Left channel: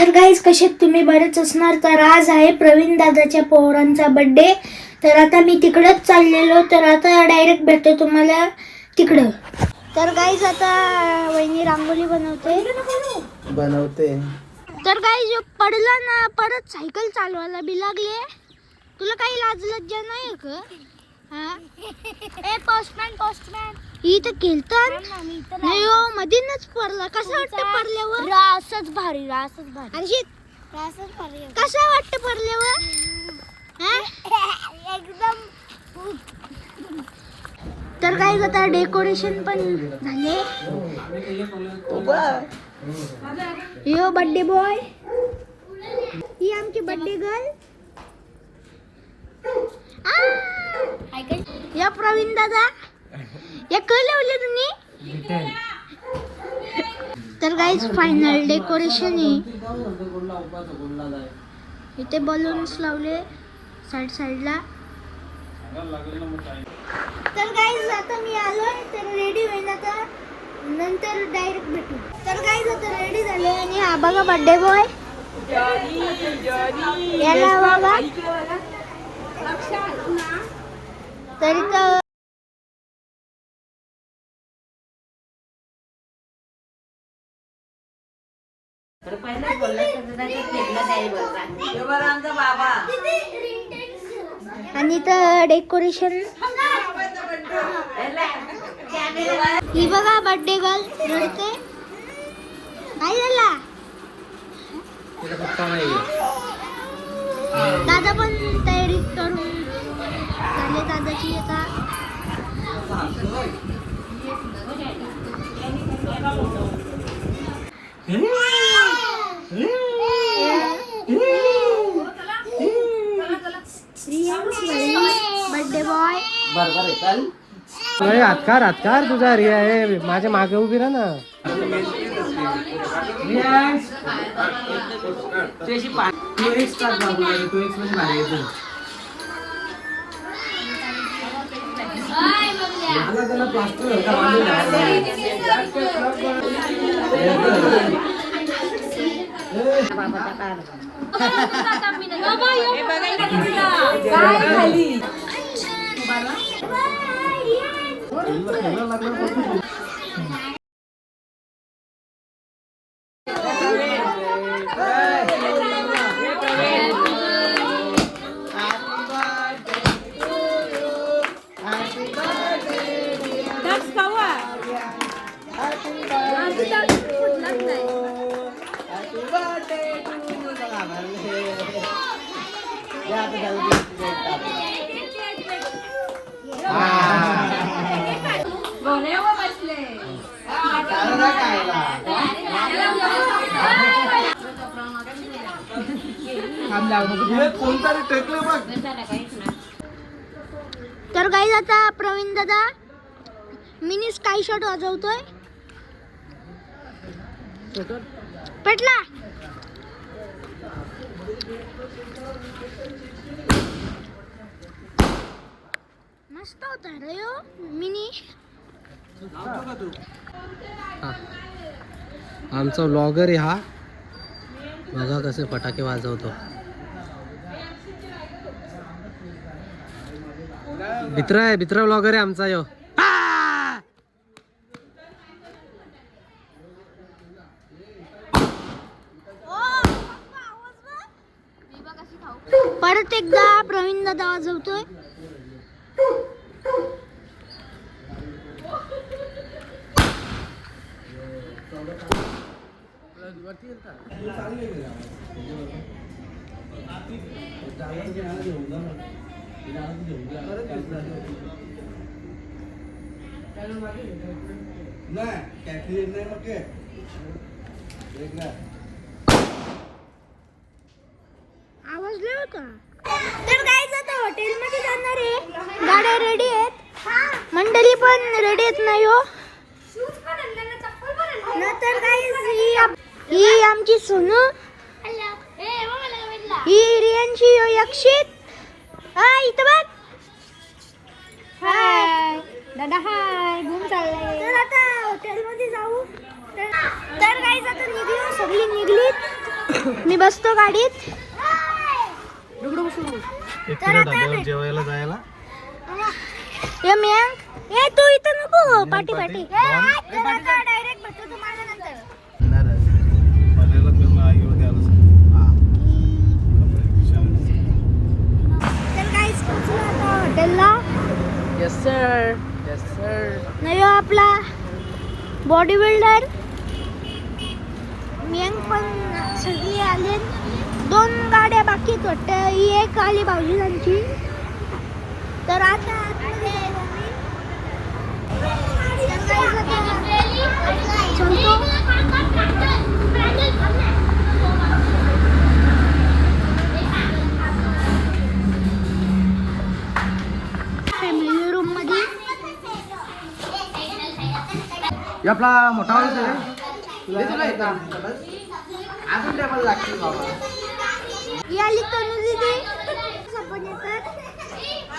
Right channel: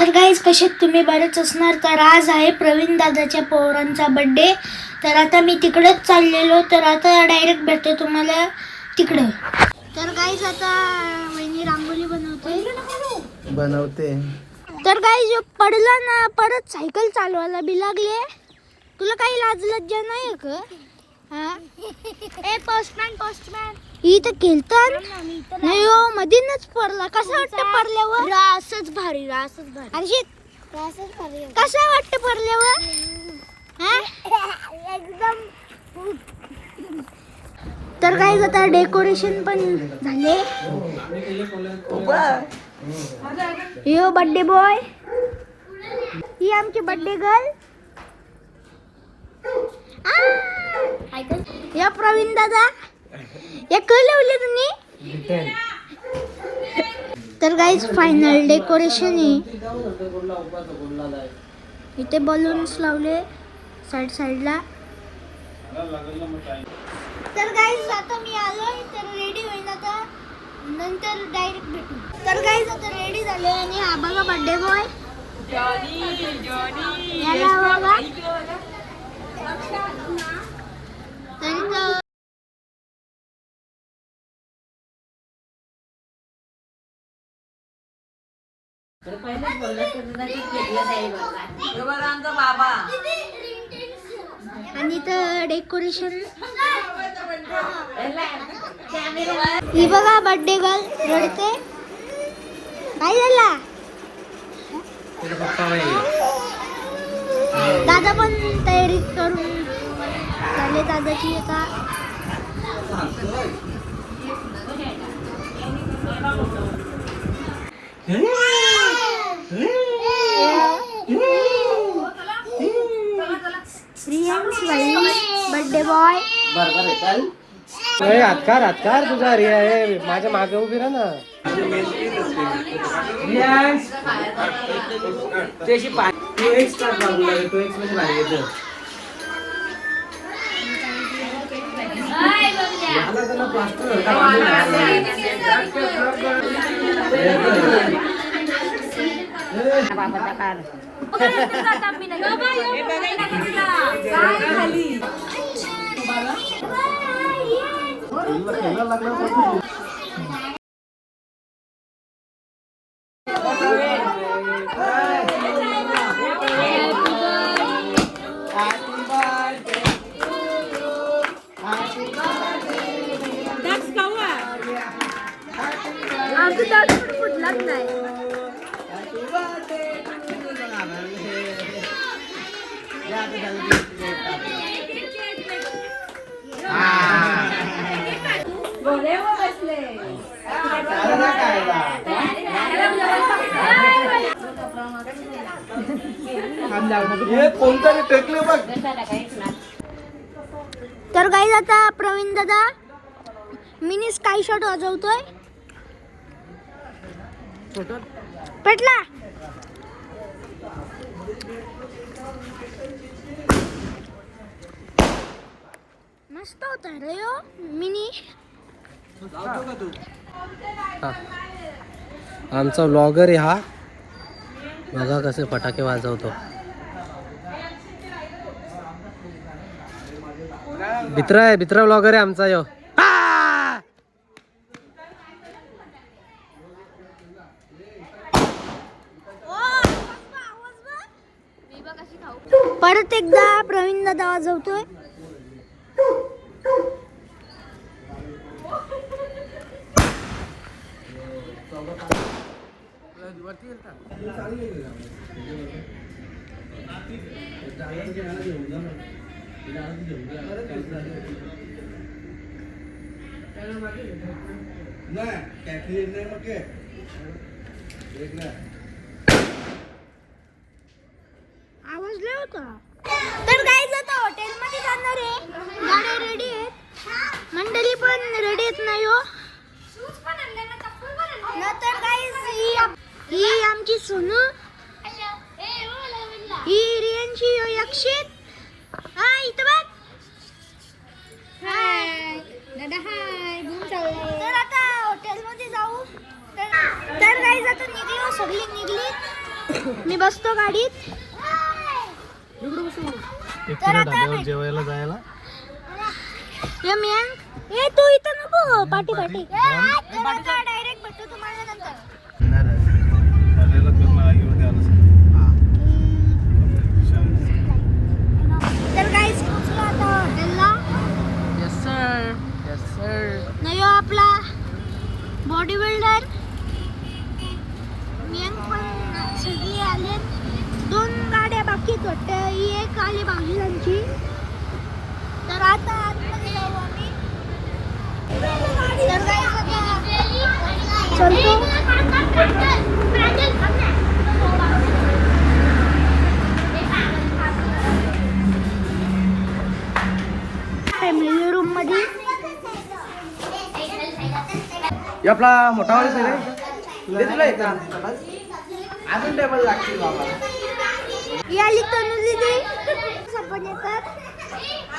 तर गाईज कशात तुम्ही बरेच असणार? तर आज आहे प्रवीण दादाच्या पोरांचा बड्डे तर आता मी तिकडंच चाललेलो. तर आता डायरेक्ट भेटतो तुम्हाला तिकडं. तर गाईज आता वहिनी रांगोळी बनवते. बनवते. तर गाईज पडला ना परत सायकल चालवायला बी लागले. तुला काही लाज लज्जा नाही का? ए पोस्टमॅन पोस्टमॅन तर केलतात नाही. हो मधीनच पडला. कसा वाटतं पडल्यावर? रासच भारी रासच भारी. आणि रासच भारी कसा वाटतं पडल्यावर? एकदम तर काय आता डेकोरेशन पण झाले. यो बर्थडे बॉय ही आमची बर्थडे गर्ल या प्रवीण दादा. या कळवले तुम्ही? तर गाईज फायनल डेकोरेशन आहे. इथे बलून्स लावले साईड साईडला तर गाईज आता मी आलोय तर रेडी होईल आता. नंतर डायरेक्ट भेटू. तर गाईज आता रेडी झाले. आणि हा बघा बर्थडे बॉय याला बघा. तरी तर आणि तर डेकोरेशन. ही बघा बर्थडे गर्ल रडते. काय झाला. दादा पण तयारी करून झाले दादाची बर्थडे बॉय ओय, हातकार हातकार तुझा रिया हे माझ्या मागे उभी राहा ना. मला त्याला plaster का बांधून कोणतरी टेकले बघ तर काही आता प्रवीण दादा मिनी स्काय शॉट वाजवतोय. पेटला. मस्त होता रे हो मिनी. आमचा व्लॉगर आहे हा. बघा कसे फटाके वाजवतो. भित्रा आहे भित्रा व्लॉगर आहे आमचा यो. दादा वाजवतोय आवाज लय होता तर काय आता हॉटेलमध्ये जाणार आहे. गाड्या रेडी आहेत. मंडळी पण रेडी आहेत नाही हो नंतर काय ही ही आमची सोनू. ही रियांची यक्षित. हाय इथं बघ. हाय दादा हाय घूम चाललाय. तर आता हॉटेलमध्ये जाऊ. तर काही आता निघली सगळी निघलीत. बसतो गाडीत. तर आता भेट- जेवायला जायला. ये मॅम ये तू इथं नको. पाठी पाटी, पाठी. दोन. तर आता डायरेक्ट भेटतो तुम्हाला नंतर. तर काहीच पोचलो आता या हॉटेलला येस सर येस सर नाही हो आपला बॉडी बिल्डर मियंग पण सगळी आले दोन गाड्या बाकी आहेत वाटतं आली भाऊजींची. तर आता आतमध्ये जाऊ आम्ही. तर आता चलतो. फॅमिली रूममध्ये. आपला मोठा माणूस आहे. तुला एकदम अजून टेबल लागते बाबा.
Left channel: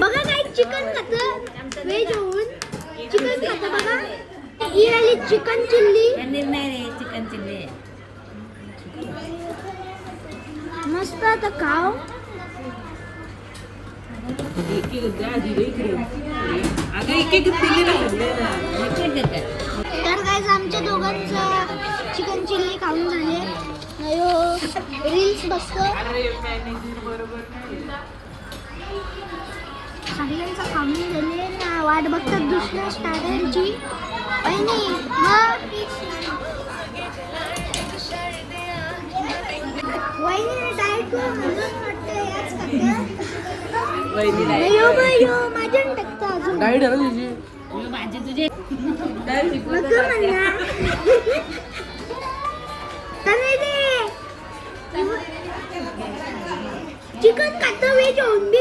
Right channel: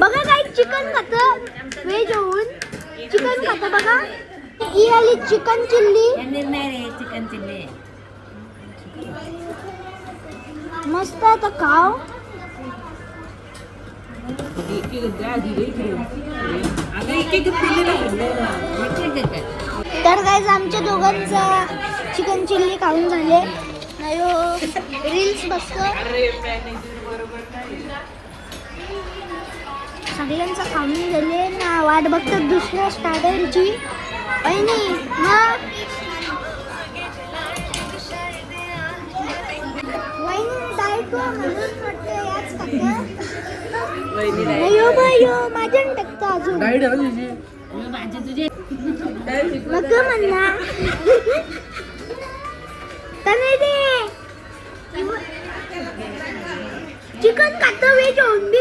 बघा काही चिकन खात. व्हेज होऊन चिकन खात बघा. ही आली चिकन चिल्ली. चिकन चिल्ली मस्त आता खाव तर गाईज आमच्या दोघांचा चिकन चिल्ली खाऊन झाले. रील्स सगळ्यांचा खाऊन झाले. ना वाट बघतात दुसऱ्या स्टार्टरची वहिनी मग वहिनी डाएट म्हणून वाटतं याच चिकन खातो मी होऊन बी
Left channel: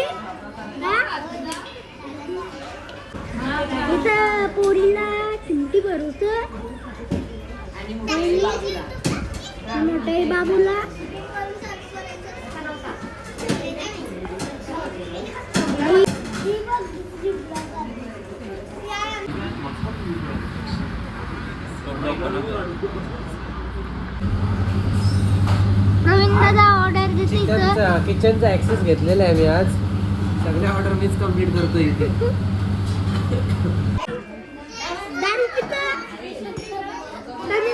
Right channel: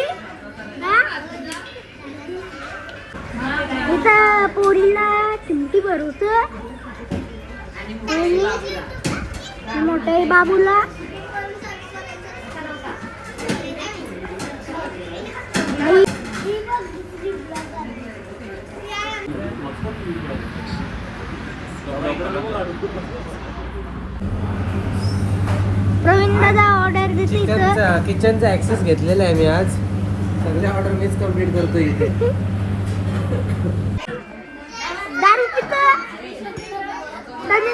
इथं पोरीला चिमटी भरवत मोठ्या बाबूला. Thank you दादा ऑर्डर देते इथं किचनचा ऍक्सेस घेतलेला आहे मी आज. सगळ्या ऑर्डर मीच कंप्लीट करतो इथे. दारू पितं. तने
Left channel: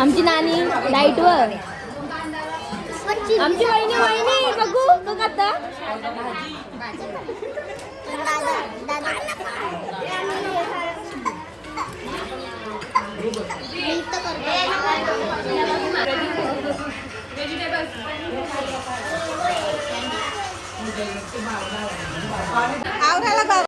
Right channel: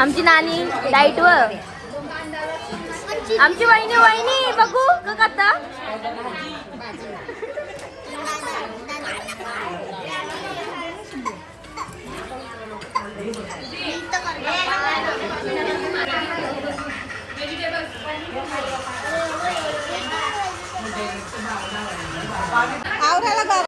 आमची नानी डाईट वर आमची वहिनी वहिनी बघू. का ahora la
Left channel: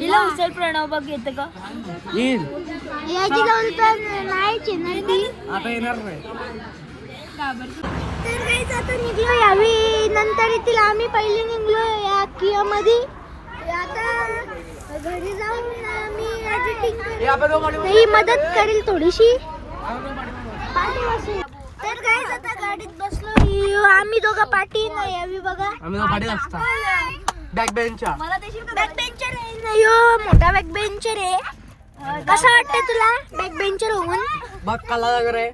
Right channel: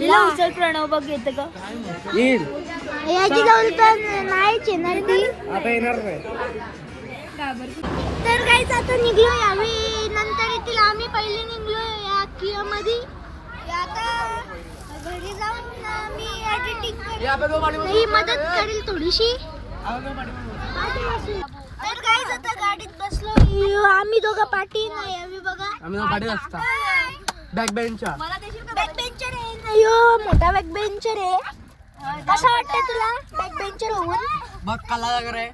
तिला. उचल प्रणव बघ येतं का येईल. याची जाऊन तर नाहीच येणार ती. आता येणार नाही. तर काहीच आता निघलो यावी नंतर येतील आम्ही पहिले निघलो या किया मध्ये आता घरी जाऊन आम्ही एडिटिंग करेल ही मदत करेल थोडीशी. तर काहीच आता गाडीत बसलो. आम्ही दोघं पाठी नाही यावी बघा. आम्ही दोघं पाठीत असतो. बॅक बेंचच्या बॅक बेंचर आहे मोठा बॅक बेंचर आहे कसं वाटतंय तुला? बॅक बेंचर होऊन? बघ कला वगैरे